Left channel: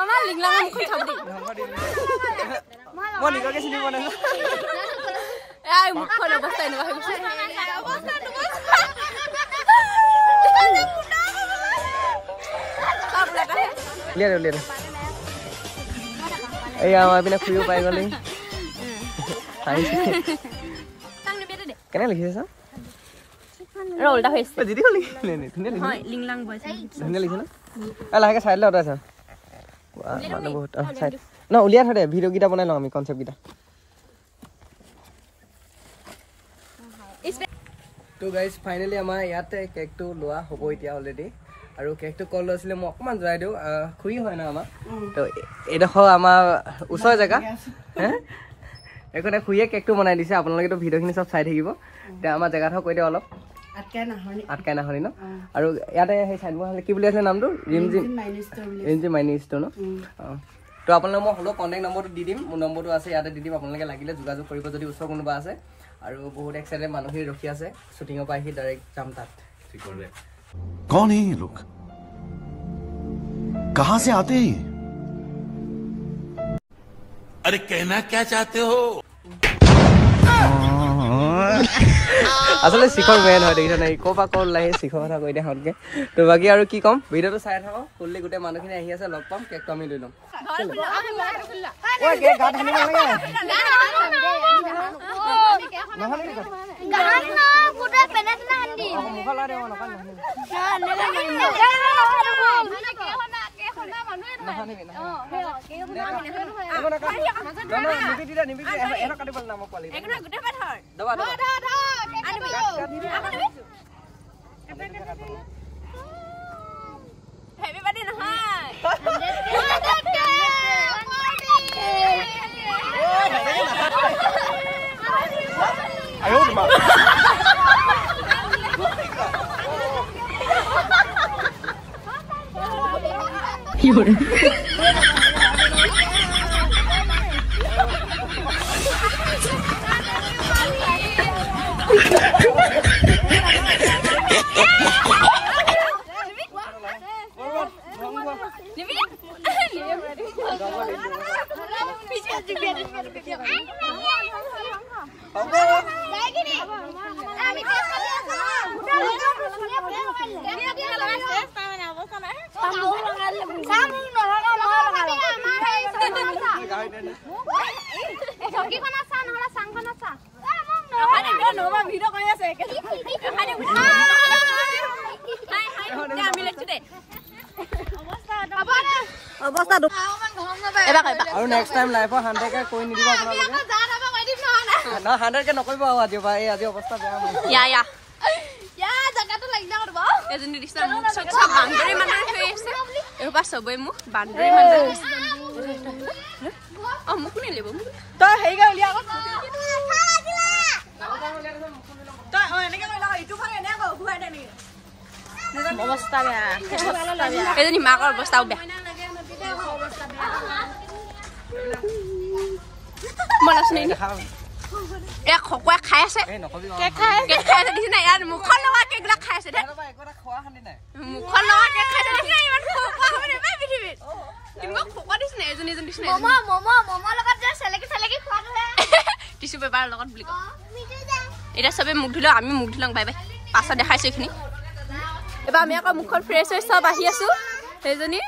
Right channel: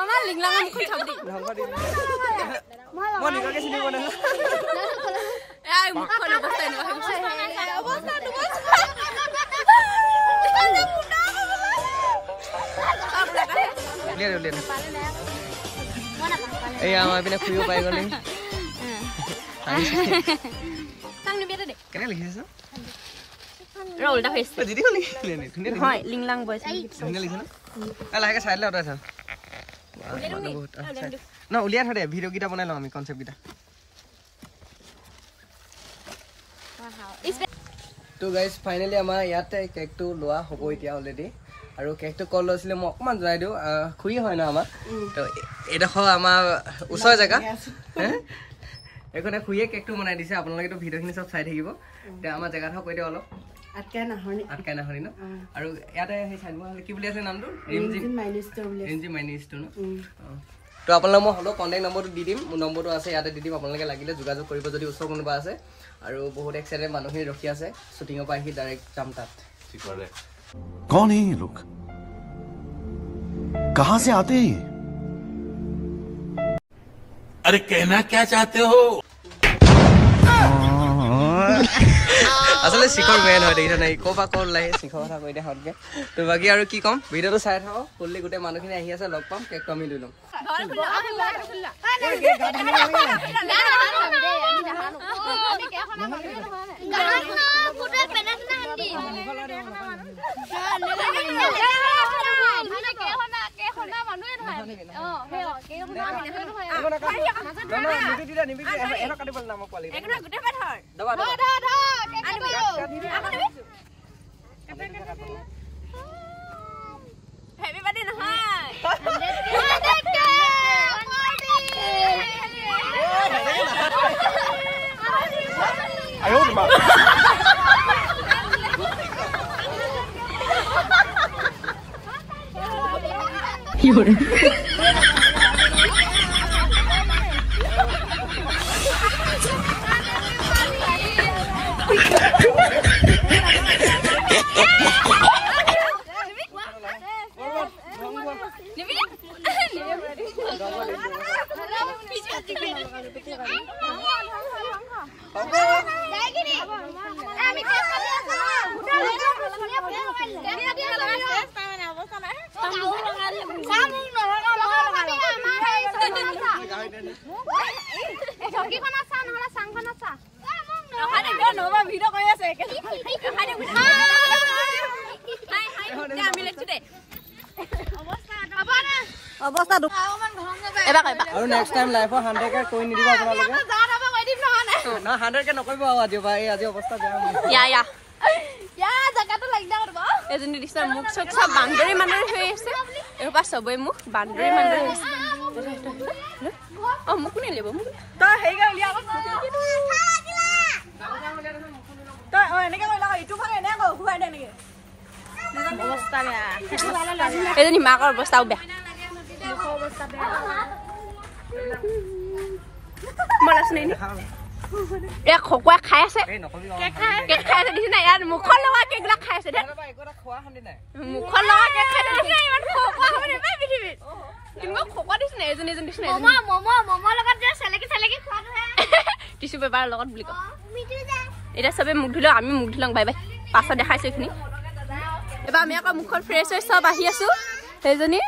আমাৰ লিংলাঙৰ মুখখন চাব দেই মই নিজকে চিনি পোৱা নাই এই মুখখন অৱস্থা এনেকুৱা হৈ গৈছে উলিয়াই এই আমাৰ পিনে ফুৰিব পাই গ'লে কেনে লিখিছে উল্টা হৈছে দিদি হ'ল ধুনীয়া লিংলাং বয়স ধুনীয়া লিখে ন লাহেকে চাই দিলে অঁতাই চাওঁ মানুহ বহুত ন উলিয়াই থৈ দে ভিডিঅ'কেইটা বনাই লওঁ আমি কনচেপ্টকেইটা তো গাইজ ফাইনেলি আমাৰ ইয়াতে কেকটো লোৱা হ'ব এতিয়া অলৰেডি আৰু কেকটো কল লৈছিলে মই অকণমান জনাই দিওঁ খুৰী হয় ন আমাৰ তো এইডোখৰ আমাৰ ওচৰৰ জেগা এইখনে খুৰীয়ে কেকটো বনাই দিছে আপোনালোকেতো ভিডিঅ'খিনি চব চাই থাকিব এতিয়া আমাৰ জেগাডোখৰ কৈ দিওঁ অলপ আটকাই নাহনি ন আৰু ইয়াতে সেই চাইড কি বুলি আছিলে নামটো ৰিমজিম মাইনি ষ্ট'ৰ ন অঁ তো আপোনালোকে মই হ'লেও কণ্টেক্ট নম্বৰটো দি দিম মোৰ নম্বৰটো আছে ইয়াতে দি দিম আপোনালোকে লাগিলে যোগাযোগ কৰিব যদি ওচৰ কোনোবা আছে আৰু বহুত এক্সাইটেড মানুহখিনি ৰখি আছে শ্বুটিঙৰ পৰা আহি ডাইৰেক্ট যাম তাত कौन है ये लोग कहां से आते हैं अरे कहना क्या चाहते हो আসলে শিখৰ মেন হয় দেখিছা নাই ক'ৰ পৰা ক'ৰ লাগে শিখৰ কথা কৈ দিয়া ভালকে তো বাকী আৰু কি ক'ম ভিডিঅ'টো চাই থাকক ফুললি গোটেই মানুহখিনি আহি আছে লগ পাম কেকটো আমি লৈ ল'ম Happy birthday নহয় আয়ো মা Yore আৰু নেক্সট টাইম লাইফৰ 100K কৈ নিদিব আপোনালোকে না 100K নকৰিব আজি ভাই আজি অৱস্থা বেয়া মোৰ ইয়া জাগাটো লাগি দাও ৰব এজনী দিছা মুখ চব বান্দৰী মান্দৰী হৈ আছে এবা সবই মুখ বান্দৰী মান্দৰী অ মুখ নে লেব মুখ তো হেইগা উলিয়া তো এনেকে ললা ইটো ভাগে এনে গো ঘুৰাই দে নেকি অৱস্থা বেয়া এজনী মাকৰ অৱস্থাও বেয়া মলাছ নেই এক খকুৱা খাই আছে কেক খাই আছে দিছ না ইয়াৰ মুখৰ লগা কেকলা খাই আছে দে মুখৰ লগা কেক খাই আছে দিছ না ইমান খকুৱা হ'ব নে বে পৃথিৱীত কিনো খকুৱা দিছ না এজনী দিছ না মমো লগত যে সেলেকি খোৱা টিসু পেপাৰ লগত বুলি ক এটা সবে মুখ ধুলো আমি মুখ ধুলং বাই বাই পাছা দেখাইছো এখিনি এবা আমি আকৌ মুখৰ ফ্ৰেছ সব আহি আছো হেজনী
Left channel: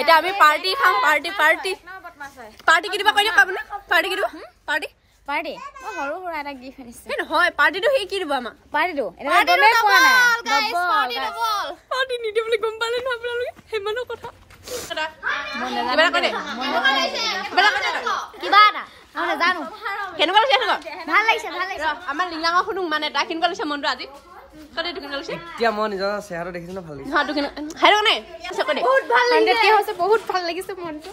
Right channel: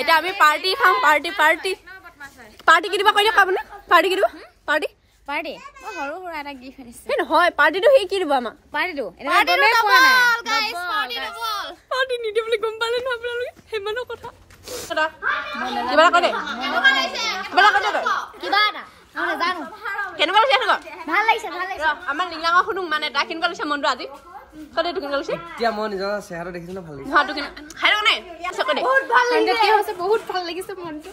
এটা আমি পাৰ্টি খাম পাৰ্টি কিবা কইনা পাবনে পাৰ্টি কিবা পাৰ্টি মই হৰু হৰু এটা গি খাইছে কি হয় পাৰ্টিটো হে কি দিব আমা পাৰ্টিটো এটা গমে কোৱা নাই পাৰ্টি নিদি বুলি গম পালে ন আপোনালোকে হেমানো কথা কিবা কৰে কিবা না মই জানো কেনেকুৱা লাগিছে ভাল লাগিছে আমাৰ লিংলাঙৰ শুনুং মানে তা কেনেকুৱা লাগিছে মনটো আজি কলে তো কেনেকুৱা লাগিছে এতিয়া মই নিজৰ চেহাৰা দেখিছো ন ভাল লাগিছে হা তো কেনে হাইৰ নাই সকলে 100K হৈছে বহুত ভাল লাগিছে মনটো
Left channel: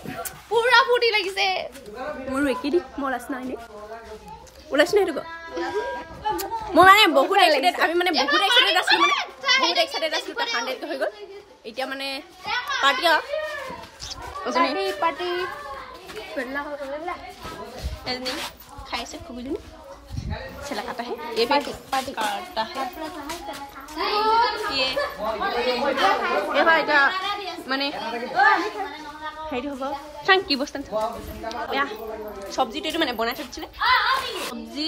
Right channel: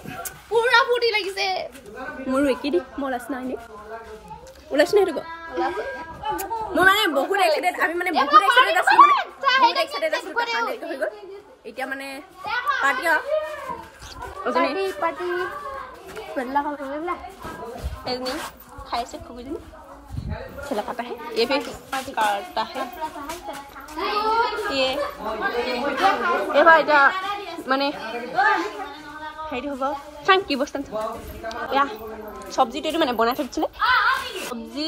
পুৰা ফুটি লাগিছে মোৰ একি দি মলাছ নাই নে ওলাছ নাই তো মই মানে বহুত এক্সাইটেড আমি মানে বহুত এক্সাইটেড আছো মানে বহুত এক্সাইটেড আছো তা 100K হৈ গল এতিয়া মানে পাৰ্টি বেলা হ'ল এজনী খাইছে খুবজনী छिलकाता है ये फिर काटता है ये এবাৰ এটা মানে হেৰি হ'ব চাং কি বস্তু এয়া চব্জিটো এইটো মানে বনাই থৈছিলে চব্জি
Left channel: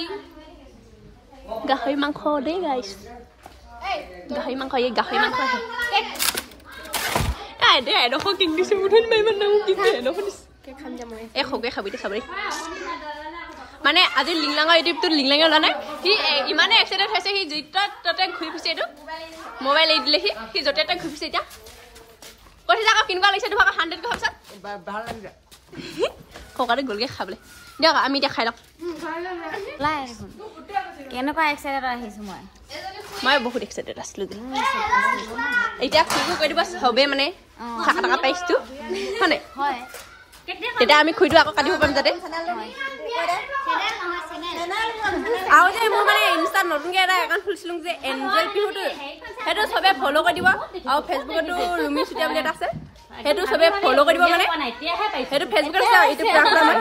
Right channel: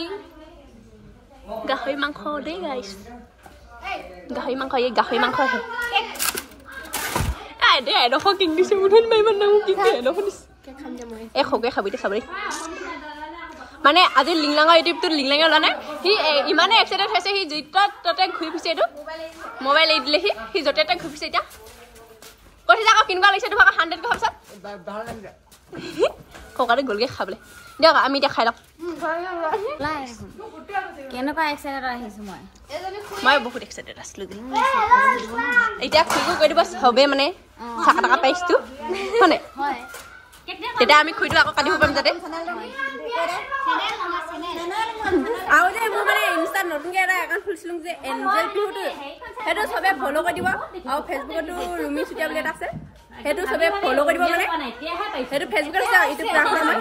গাহৰি মাংস দেই গাইছ গাহৰি মাংস এই গাহৰি মাংস আহে দে এডোখৰ কিং দিছে মুঠত ইমান নাম দিছে এডোখৰ দিছে খাম যাম এই খগে খাবি দে চাবি মানে আজি লিংলাঙৰ ইউটিউবটো লিংলাঙে ওলা নাই সি ইমানে এক্সাইটেড হৈছে সি য'ত ততে ঘূৰি ফুৰিছে এইটো মোবাইল এৰি দিলে সি য'তে ততে ঘূৰি ফুৰিছে এতিয়া কৈছে আকৌ কিনিব লাগিছে তোমাক 100 টকা পিছত ভাল লাগিছে ককাৰে গ'লগে খাবলৈ দিয়ক আমি এতিয়া খাই লওঁ কেনেকুৱা এক্সাইটেড আহিছো মই বহুত এক্সাইটেড আছিলো এতিয়া খুব কৈ দিব চবে মানে চাকা টাকা পাইছো হয়নে তেতিয়া আমি খুইটো আকৌ কাটিব পাৰিম যাতে আৰু যে মোৰ মানে ইনষ্টাত নতুনকৈ এটা একাউণ্ট খুলিছিলোঁ যে এঞ্জেল পিহুটো সেইটো চবে ফ'ল' কৰি দিব আৰু ফেচবুকতো ৰুমি চুতীয়া বুলি এটা আছে সেইটো চবে ফ'ল' কৰি দিব মানে সেইটো ফেচবুকত আছে আৰু ইউটিউবত আছে আমাৰ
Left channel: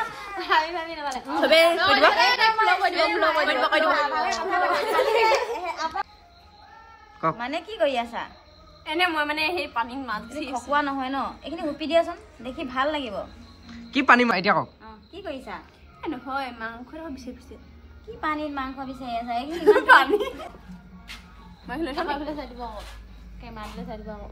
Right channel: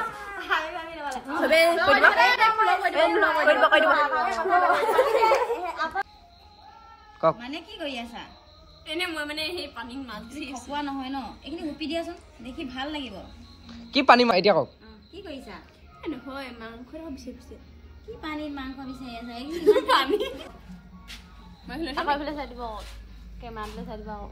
চবে কৰি দিব মানে কি কৰি আছা এনে মই মানে সেই পানীত মাছ খোৱা নহয় ন এইখিনি হুপি দিয়াচোন দেখি ভাল লাগিব কি পানী এতিয়া কওক কি কৰিছা নহয় মাংস বিচাৰি ফুৰিছে কি পানীত মাংস বিচাৰি আছা পানী মই চাই দিব কেমেৰালৈ চাই দিব আকৌ